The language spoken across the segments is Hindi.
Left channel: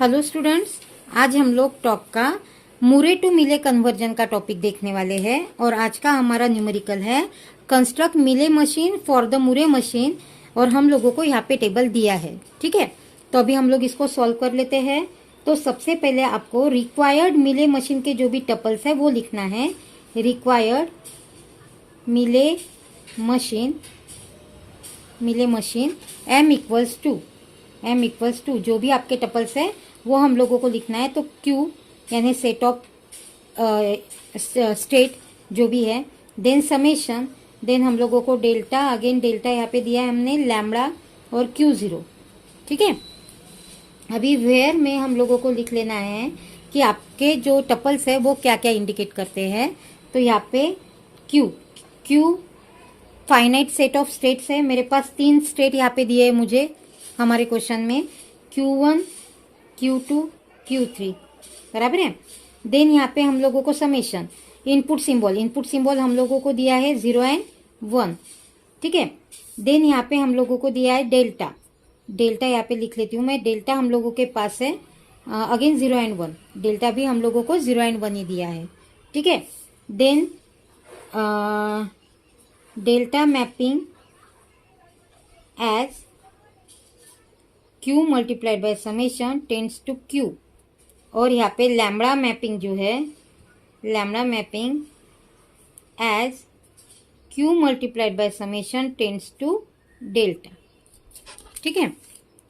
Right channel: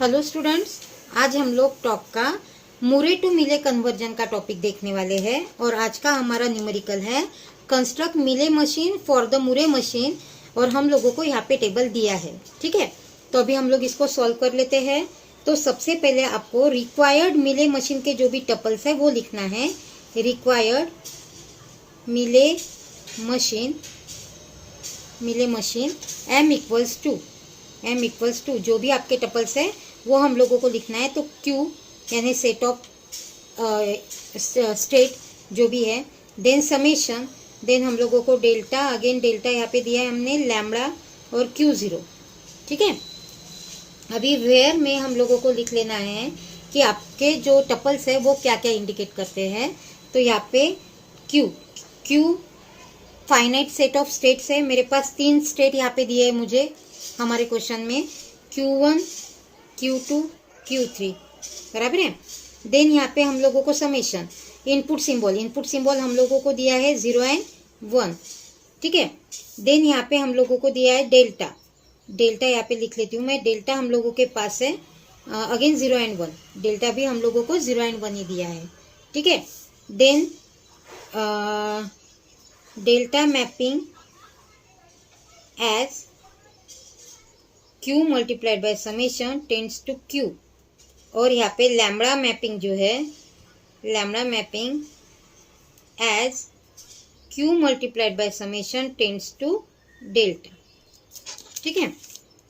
हेलो स्टूडेंट्स, आज हम लोग टॉप का मुरे टू मिले कन्वर्जन का टॉपिक देखने वाले हैं और आज का हमारा न्यूमेरिकल है कंस्ट्रक्ट मिले मशीन फॉर द मुरे मशीन। और हम लोगों को यहाँ पे टेबल दिया है, ठीक है। तो अभी हम लोग इसको सॉल्व कर लेते हैं। तो सबसे पहले आपको रिक्वायर्ड मिले मशीन के जो भी टपल्स है वो लिखना है। रिक्वायर्ड मिले मशीन एम इक्वल्स टू जो भी आपके टपल्स है वो हम लोगों को लिखना है। तो क्यू यानी सेट ऑफ स्टेट जो भी है, देन समेशन, देन हम लोगों को डेल्टा, अगेन डेल्टा यहाँ पे दिया है हमने, लैम्बडा और क्यू जीरो, ठीक है। अभी वेयर में हम लोगों को लिख लेना है कि आपके जो टपल्स है वो क्या क्या इंडिकेट करते हैं। तो यहाँ पे Q finite set of states है। मेरे पास 3 स्टेट यहाँ पे दिए है मुझे हमारे क्वेश्चन में, Q1, Q2, Q3, बराबर है। देन यहाँ पे हम लोगों को समेशन, इनपुट सिंबल हम लोगों को दिया है 0 and 1, ठीक है। देन यहाँ पे हम लोगों को दिया है डेल्टा यहाँ पे लिख लेती हूँ मैं। डेल्टा हम लोगों के पास है अगेन 0 and 1, डेल्टा भी हम लोगों को 0 and 1 ही दिया है, ठीक है। Then delta mapping as Q multiplied by summation tends to Q, और यहाँ पे लैम्बडा मैपिंग जो है, lambda mapping as Q multiplied by summation tends to delta, ठीक है।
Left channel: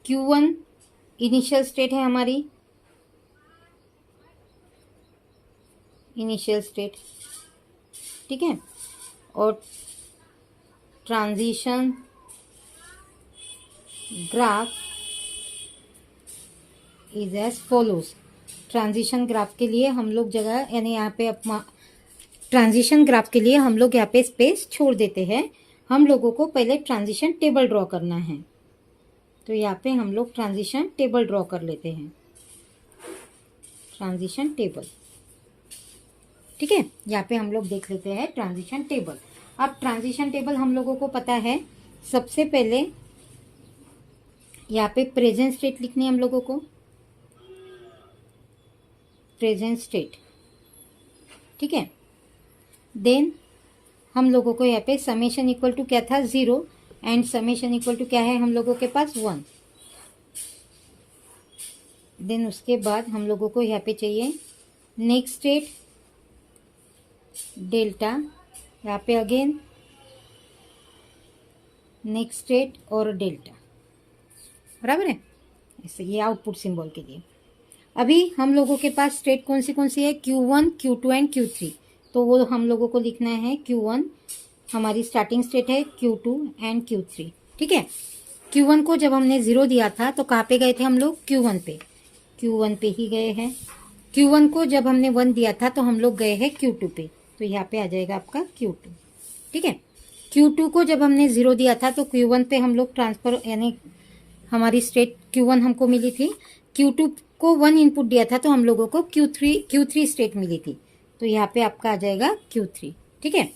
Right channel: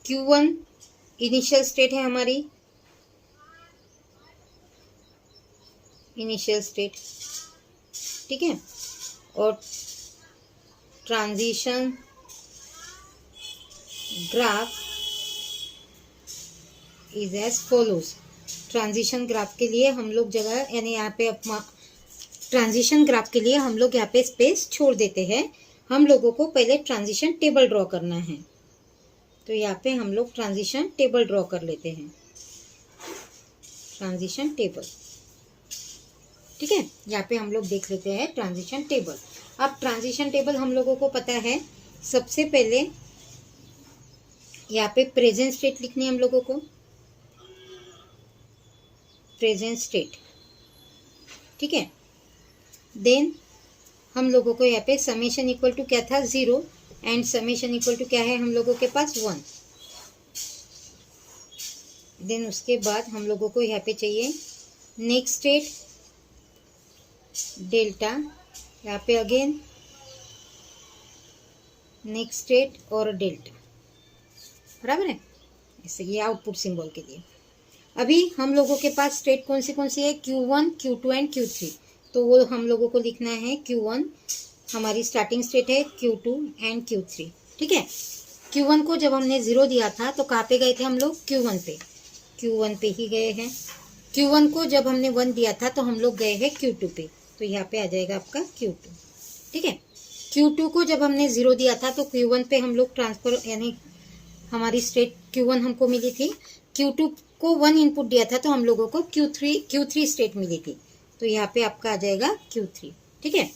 Q1 इनिशियल स्टेट है हमारी, इनिशियल स्टेट, ठीक है। और transition graph is as follows. Transition graph के लिए हम लोग जगह यानी यहाँ पे ट्रांजिशन ग्राफ के लिए हम लोग यहाँ पे स्पेस छोड़ देते हैं। हम लोगों को पहले ट्रांजिशन टेबल ड्रॉ करना है। तो यहाँ पे हम लोग ट्रांजिशन टेबल ड्रॉ कर लेते हैं, ट्रांजिशन टेबल, ठीक है। यहाँ पे हम लोग देख लेते हैं ट्रांजिशन टेबल। अब ट्रांजिशन टेबल हम लोगों को पता है, सबसे पहले यहाँ पे प्रेजेंट स्टेट लिखनी है हम लोगों को, प्रेजेंट स्टेट, ठीक है। देन हम लोगों को यहाँ पे समेशन इक्वल टू क्या था 0 एंड समेशन इक्वल टू क्या है हम लोगों के पास 1। देन उसके बाद हम लोगों को यहाँ पे चाहिए नेक्स्ट स्टेट डेल्टा, यहाँ पे अगेन नेक्स्ट स्टेट और डेल्टा, बराबर है। ऐसे ये आउटपुट सिंबल के लिए। अभी हम लोगों के पास स्टेट कौन सी है, Q1, Q2 एंड Q3। तो वो हम लोगों को लिखना है Q1 हमारी स्टार्टिंग स्टेट है, Q2 एंड Q3, ठीक है। Q1 को जब हमने 0 दिया था तो कहाँ पे गए थे हम लोग, Q1 पे ही गए हैं। Q1 को जब हमने 1 दिया था तो हम लोग गए हैं Q2 पे, तो यहाँ पे आ जाएगा आपका Q2, ठीक है। Q2 को जब हमने 0 दिया था तो Q1 पे हम लोग ट्रांसफर यानी हमारी स्टेट Q1 हमको मिली थी। Q2 को 1 इनपुट दिया था तो हम लोगों को Q3 स्टेट मिली थी, तो यहाँ पे आपका आ जाएगा Q3, ठीक है।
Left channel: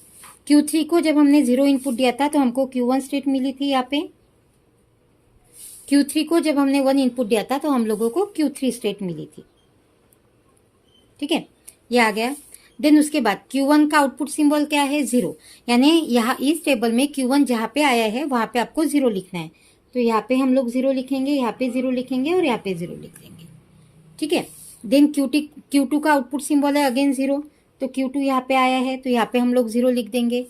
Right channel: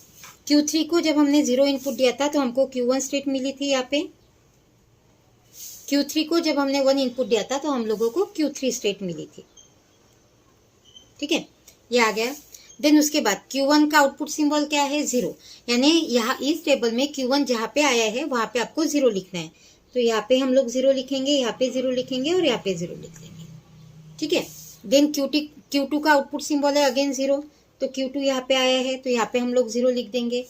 Q3 को जब हमने 0 इनपुट दिया था तो हमको Q1 स्टेट मिली थी यहाँ पे। Q3 को जब हमने 1 इनपुट दिया था तो हम लोगों को Q3 स्टेट मिली थी, ठीक है। ये आ गया। देन उसके बाद Q1 का आउटपुट सिंबल क्या है 0, यानी यहाँ इस टेबल में Q1 जहाँ पे आया है वहाँ पे आपको 0 लिखना है। तो यहाँ पे हम लोग 0 लिखेंगे, यहाँ पे 0 लिखेंगे और यहाँ पे 0 लिख देंगे, ठीक है। देन Q2 का आउटपुट सिंबल है अगेन 0, तो Q2 यहाँ पे आया है तो यहाँ पे हम लोग 0 लिख देंगे।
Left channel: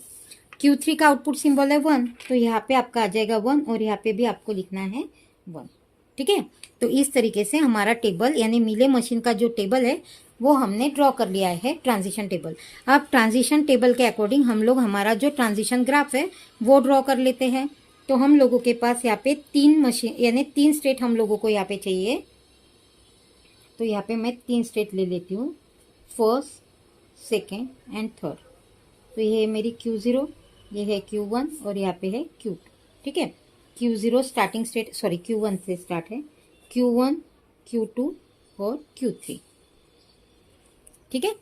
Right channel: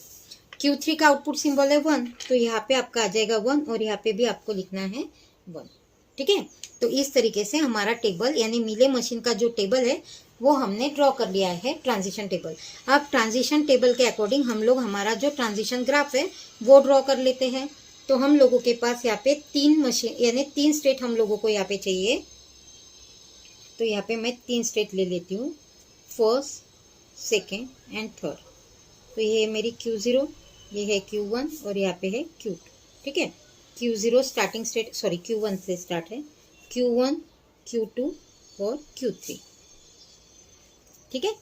Q3 का आउटपुट सिंबल है 1, तो यहाँ पे आपका आ जाएगा 1 और यहाँ पे भी आपको लिखना है 1, ठीक है। तो इस तरीके से हमारा टेबल यानी मिले मशीन का जो टेबल है वो हमने ड्रॉ कर लिया है, ट्रांजिशन टेबल। अब ट्रांजिशन टेबल के अकॉर्डिंग हम लोग हमारा जो ट्रांजिशन ग्राफ है वो ड्रॉ कर लेते हैं। तो हम लोगों के पास यहाँ पे 3 मशीन यानी 3 स्टेट हम लोगों को यहाँ पे चाहिए। तो यहाँ पे मैं 3 स्टेट ले लेती हूँ, फर्स्ट, सेकेंड एंड थर्ड। तो ये है मेरी Q0, ये है Q1 और यहाँ पे है Q2, ठीक है। Q0 starting state, sorry Q1 से स्टार्ट है, Q1, Q2 और Q3, ठीक है।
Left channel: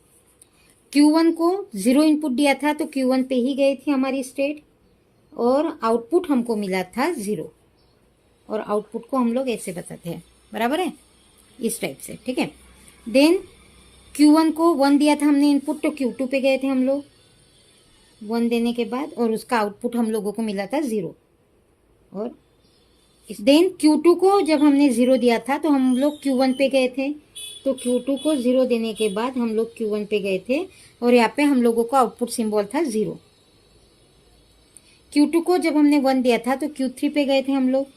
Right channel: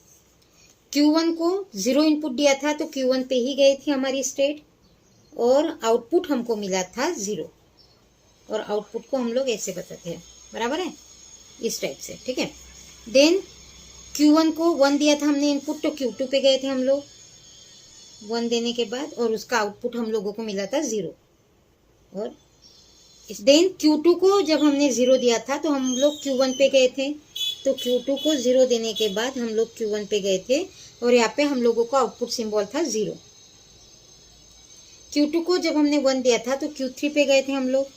Q1 को 0 इनपुट दिया था तो Q1 पे ही गई थी हमारी स्टेट और आउटपुट हमको मिला था 0, और आउटपुट को हम लोग ऐसे बताते हैं, बराबर है। इस टाइप से, ठीक है। देन Q1 को 1 दिया था हमने इनपुट, तो Q2 पे गए थे हम लोग 1 देने के बाद, और उसका आउटपुट हम लोगों को मिला था 0। और देन Q2 को जब हमने 0 दिया था तो हम लोग Q1 पे गए थे, तो Q2 को 0 देने के बाद हम लोग Q1 पे गए थे, और यहाँ पे हम लोगों का आउटपुट सिंबल था 0। Q2 को जब हमने 1 दिया था तो Q3 पे गए थे हम लोग,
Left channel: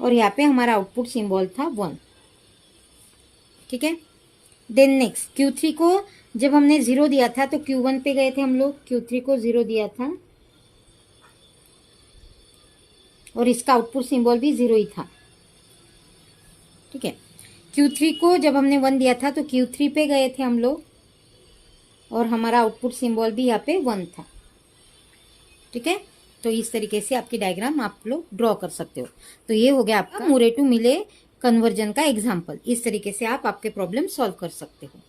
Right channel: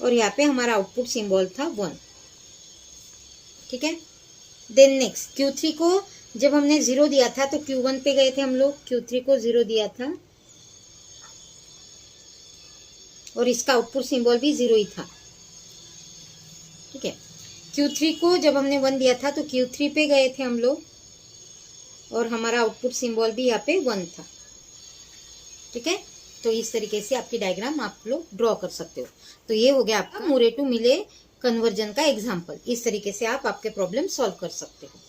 और यहाँ पे हमारा आउटपुट सिंबल था 1, ठीक है। देन नेक्स्ट Q3 को जब हमने 0 दिया था तो Q1 पे गए थे हम लोग, Q3 को 0 दिया था, और इसका आउटपुट सिंबल भी 0 ही था, ठीक है। Q3 को जब हमने 1 दिया था तो Q3 पे गए थे हम लोग, और हमारा आउटपुट सिंबल भी यहाँ पे 1 था, ठीक है। तो इस तरीके से आपकी डायग्राम आप लोग ड्रॉ कर सकते हो। तो ये हो गया आपका मुरे टू मिले कन्वर्जन का एग्जाम्पल। इस तरीके से आप आपके प्रॉब्लम सॉल्व कर सकते हो।